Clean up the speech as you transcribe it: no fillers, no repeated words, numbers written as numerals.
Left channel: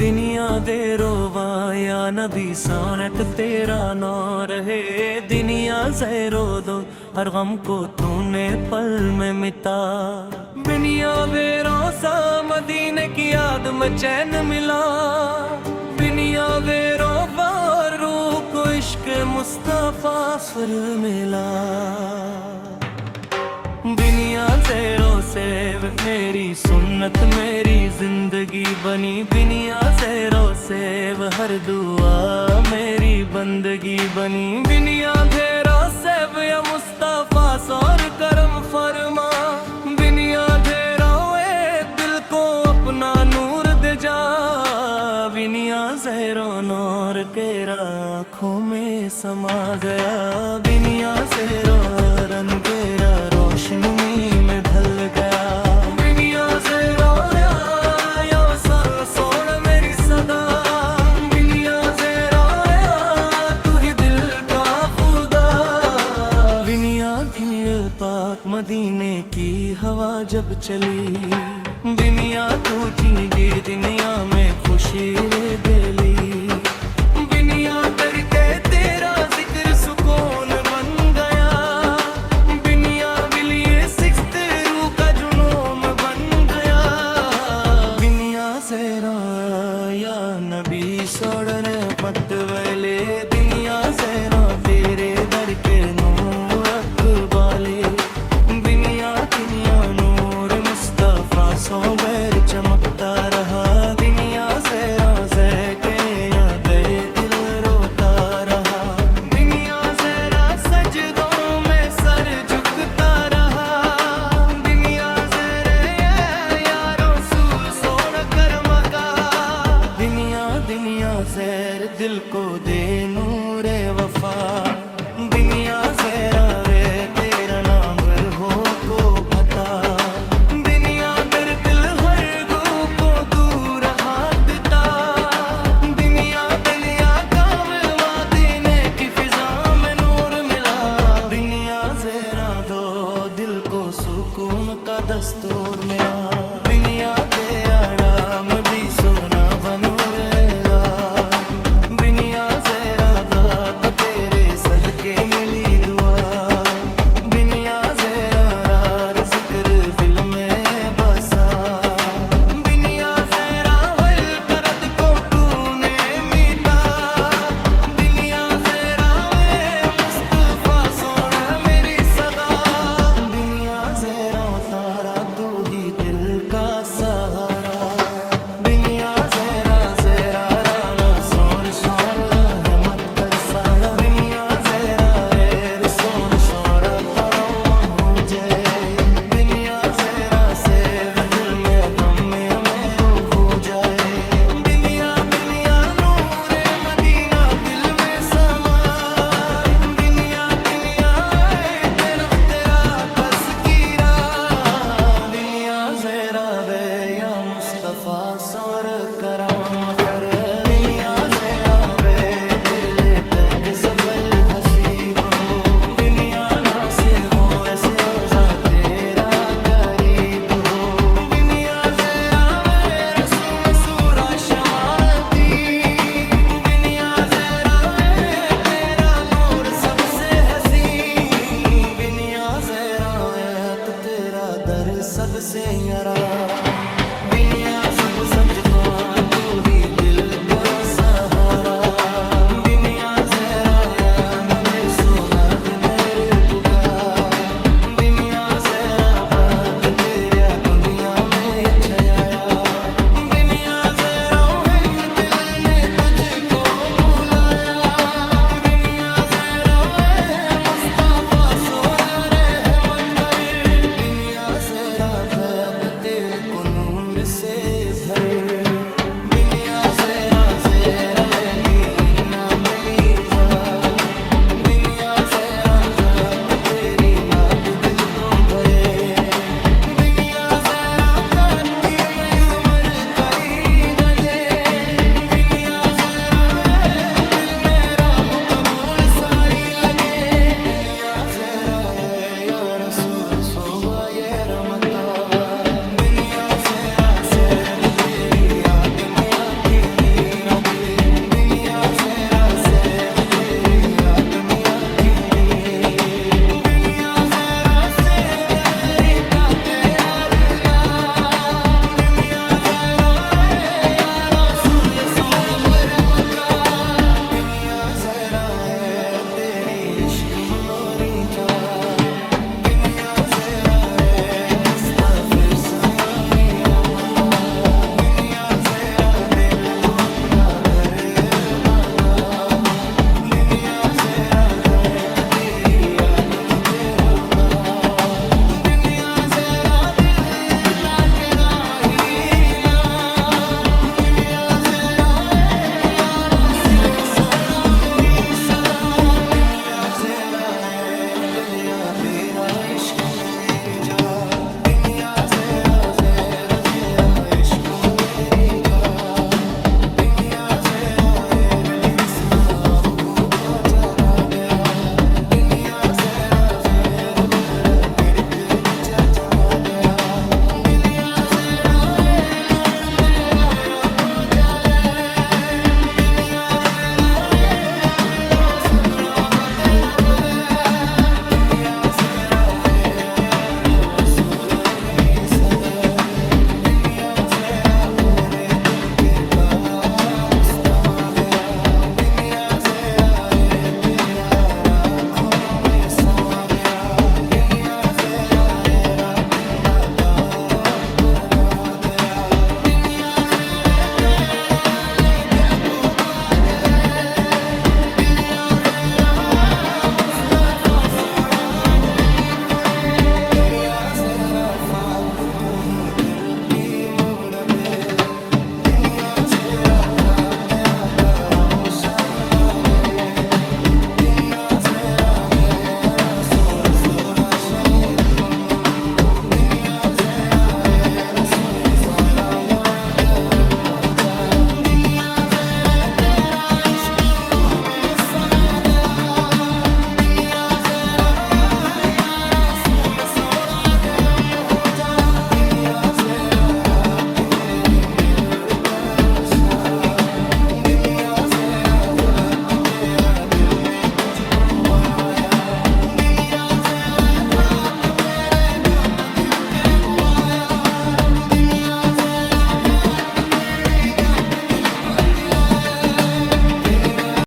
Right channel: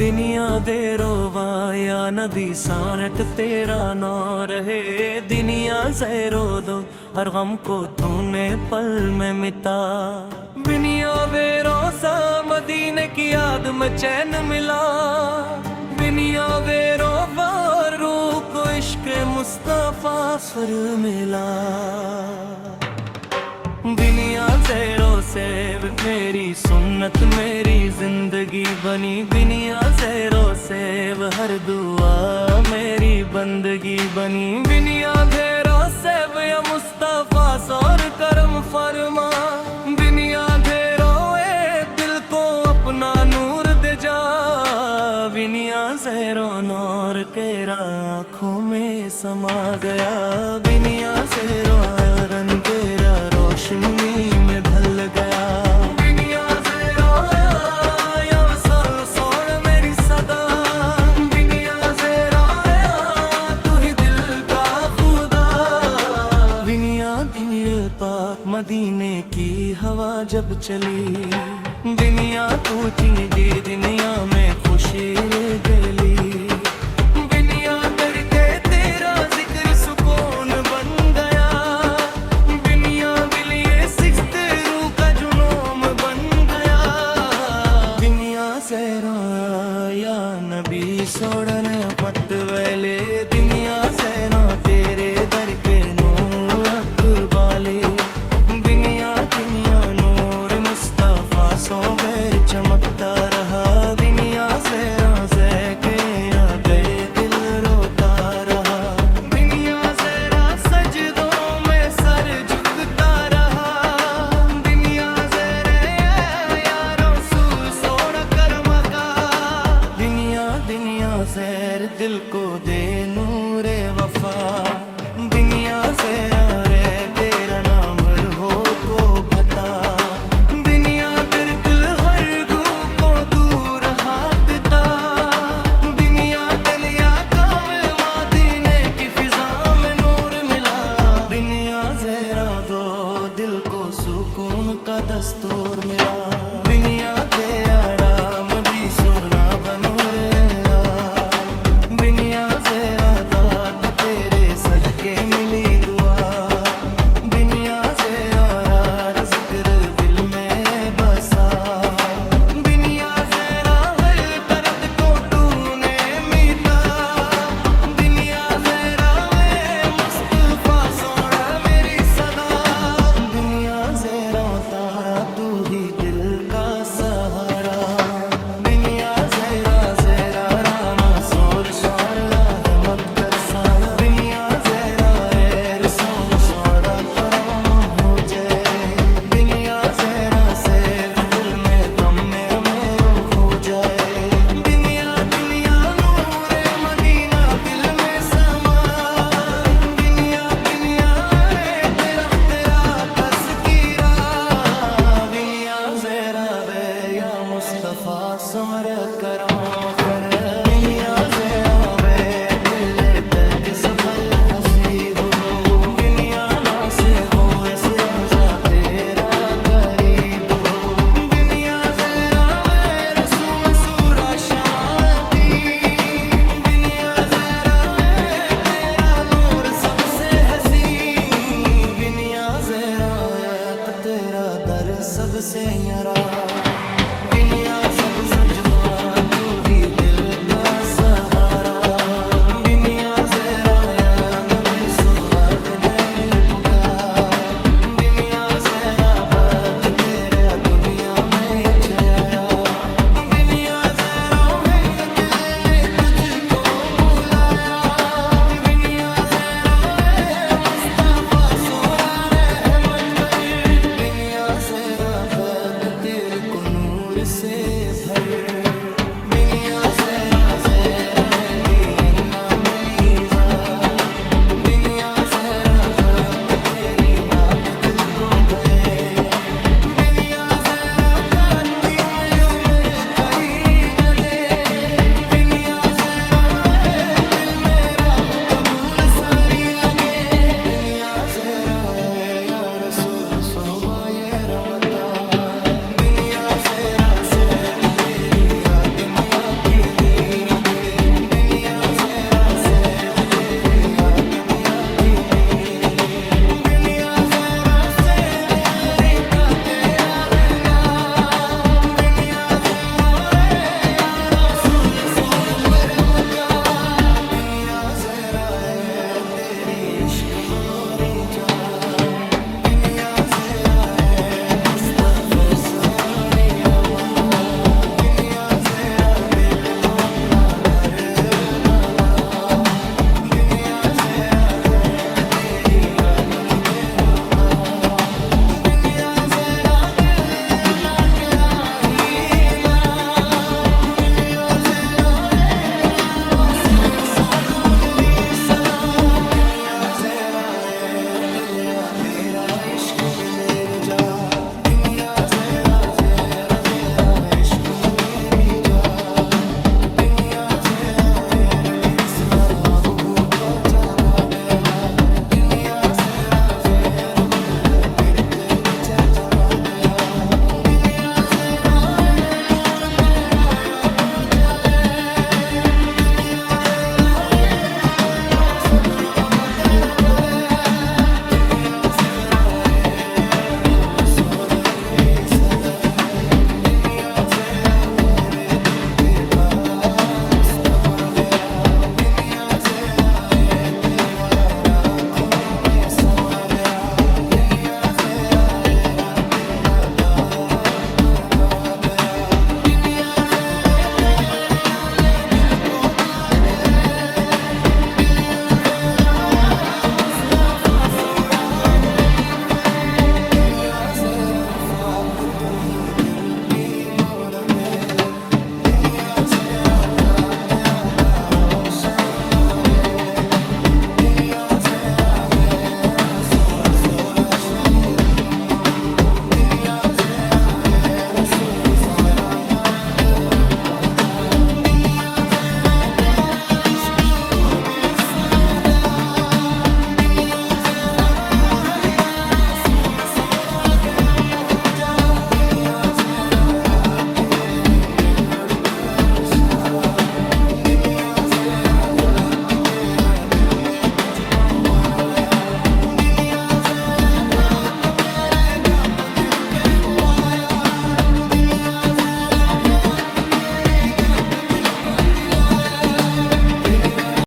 दुनिया दे रोवा या नबी सानत तेरा ना रहे। दुनिया से रो दो हर गम को तूने पल में मिटा। दुनिया बेरोसा मदीने की याद में चैन मिला। दुनिया बेरोबा रूह को इश्क मुस्तफा सुर मिला। दुनिया ज़ेरो से मेरी सुन्नत मेरी जिंदगी बनी। दुनिया ज़ेरो से हर दुआ मेरी बंदगी बनी। दुनिया ज़ेरो से या मुस्तफा सौर करम फरमा। दुनिया ज़ेरो दिल को अपना नूर दे जा। दुनिया ज़ेरो नूर तेरा आँखों में समा गया। दुनिया ज़ेरो रंग तेरा रोशनी में ढल गया। दुनिया ज़ेरो या सोड़ मेरी सदा। दुनिया ज़ेरो तू ही दिल का खुदा। दुनिया दिल पाक मदीने की हवा जब चली। दुनिया तू जिंदगी दुनिया में खुशी ले गली। दुनिया करके तेरा जिक्र सुकून बन गया। दुनिया बिलिए सिक्स्थ रूह का जुनून बन गया। दुनिया ज़ेरो या नबी सोड़ने मत वेले। दुनिया ज़ेरो तेरे दर के नूर अकबाले। दुनिया दुनिया नूर मुस्तफा सो बैर चमकता रहा। दुनिया ज़ेरो के ना गए दिल रोता रहा। दुनिया ज़ेरा सजदों में सर झुकता रहा। दुनिया ज़ेरे या रसूल सोना करम का। दुनिया दुनिया ज़ेर दिल को दे नूरे वफा। दुनिया ज़ेरा रे तेरा नाम हो को भता। दुनिया दर दिल हर गू को दूर हाथता। दुनिया दलिया कावे मदीने की फिजा में नूर मिला। दुनिया ज़ेरा दो दिल को सुकून का दस्तूर मिला। दुनिया दे आराम भी सोना बनूरेला। दुनिया ज़ेरा दात तेरे सदके मिली दुआ। दुनिया ज़ेरा जिक्र दिल में बसा। दुनिया ज़ेरा हर तरद को तूने मीटा। दुनिया ज़ेरा मुस्तफा सोना मेरी सदा। दुनिया ज़ेरा तारा तू ही दिल का सहारा। दुनिया ज़ेरा ज़ेरा राना सोर शोर रहमत कर सारा। दुनिया ज़ेरा रसूल शोरा करो हो जाए। दुनिया ज़ेरा से दिल में गम में हो जाए। दुनिया दुनिया नूरे मदीना दिल में समाए। दुनिया दुनिया तेरा तज़किरा। दुनिया ज़ेरा वे या मुस्तफा सौर करम कर। दुनिया ज़ेरा वे दिल तक सफर हसीब हो। दुनिया ना से वो ऐसे रोज़ा तेरा करीब हो। दुनिया ज़ेरा वे रसूल सूरा शमाती। दुनिया ज़ेरा वे तेरा नूर सबसे हसीन। दुनिया ज़ेरा तो तेरा दर सबसे न्यारा। दुनिया सब सजमा तू ही दिल का सहारा। दुनिया ज़ेरा या नबी सुना दुनिया पुकार। दुनिया ज़ेरा बात तेरा दुनिया में छाया। दुनिया ज़ेरा दिल ने तुझको बुलाया। दुनिया ज़ेरा मुस्तफा सोरा रहमत कर। दुनिया ज़ेरा तेल को नूर से भर। दुनिया ज़ेरा ज़ेरा दिया ना मिलीजा। दुनिया ज़ेरा बात तेरी नात दिल को भरे। दुनिया ज़ेरा काटी उम्र करी न दे। दुनिया ज़ेरा दिल मेरा हो कबूल सारी लगे। दुनिया ज़ेरा या रसूल सोबा ये रमता। दुनिया ज़ेरा से तेरी याद में आकी जरा है तेरी इश्क में मोरी चाह दुनिया जरा है मुस्तफे सोयावी मता दुनिया जरा दिल को अपना घर बना दुनिया जरा दर्द तेरी याद मुझे हुरदा दुनिया जरा दिल ना के राही ना दुनिया जरा यारा सिलम सोना मेरी सदा दुनिया जरा है दिलिया तेरा इश्क में मेरे जा दुनिया जरा जरा जरा इश्क में मेरी जा दुनिया जरा है दिल सुना बहू को जाना गया दुनिया जरा जरा मेरे तेरे तेरे जा जमा गया दुनिया जरा है नूर तेरा या को जाले दुनिया जरा है तेरा सपना तेरा बले दुनिया जरा है यारो सुर मेरी सदा दुनिया जरा पूरे दिल के काम मुस्तमा गया दुनिया जरा है तेरा राखों में समा गया दुनिया जरा है रातिंदा का अपना गया दुनिया जरा तेरे आने दिल को पाए दुनिया जरा मुस्तफा सोरा जल्दी पड़े दुनिया जरा फाक तू ही दिल की मुरबे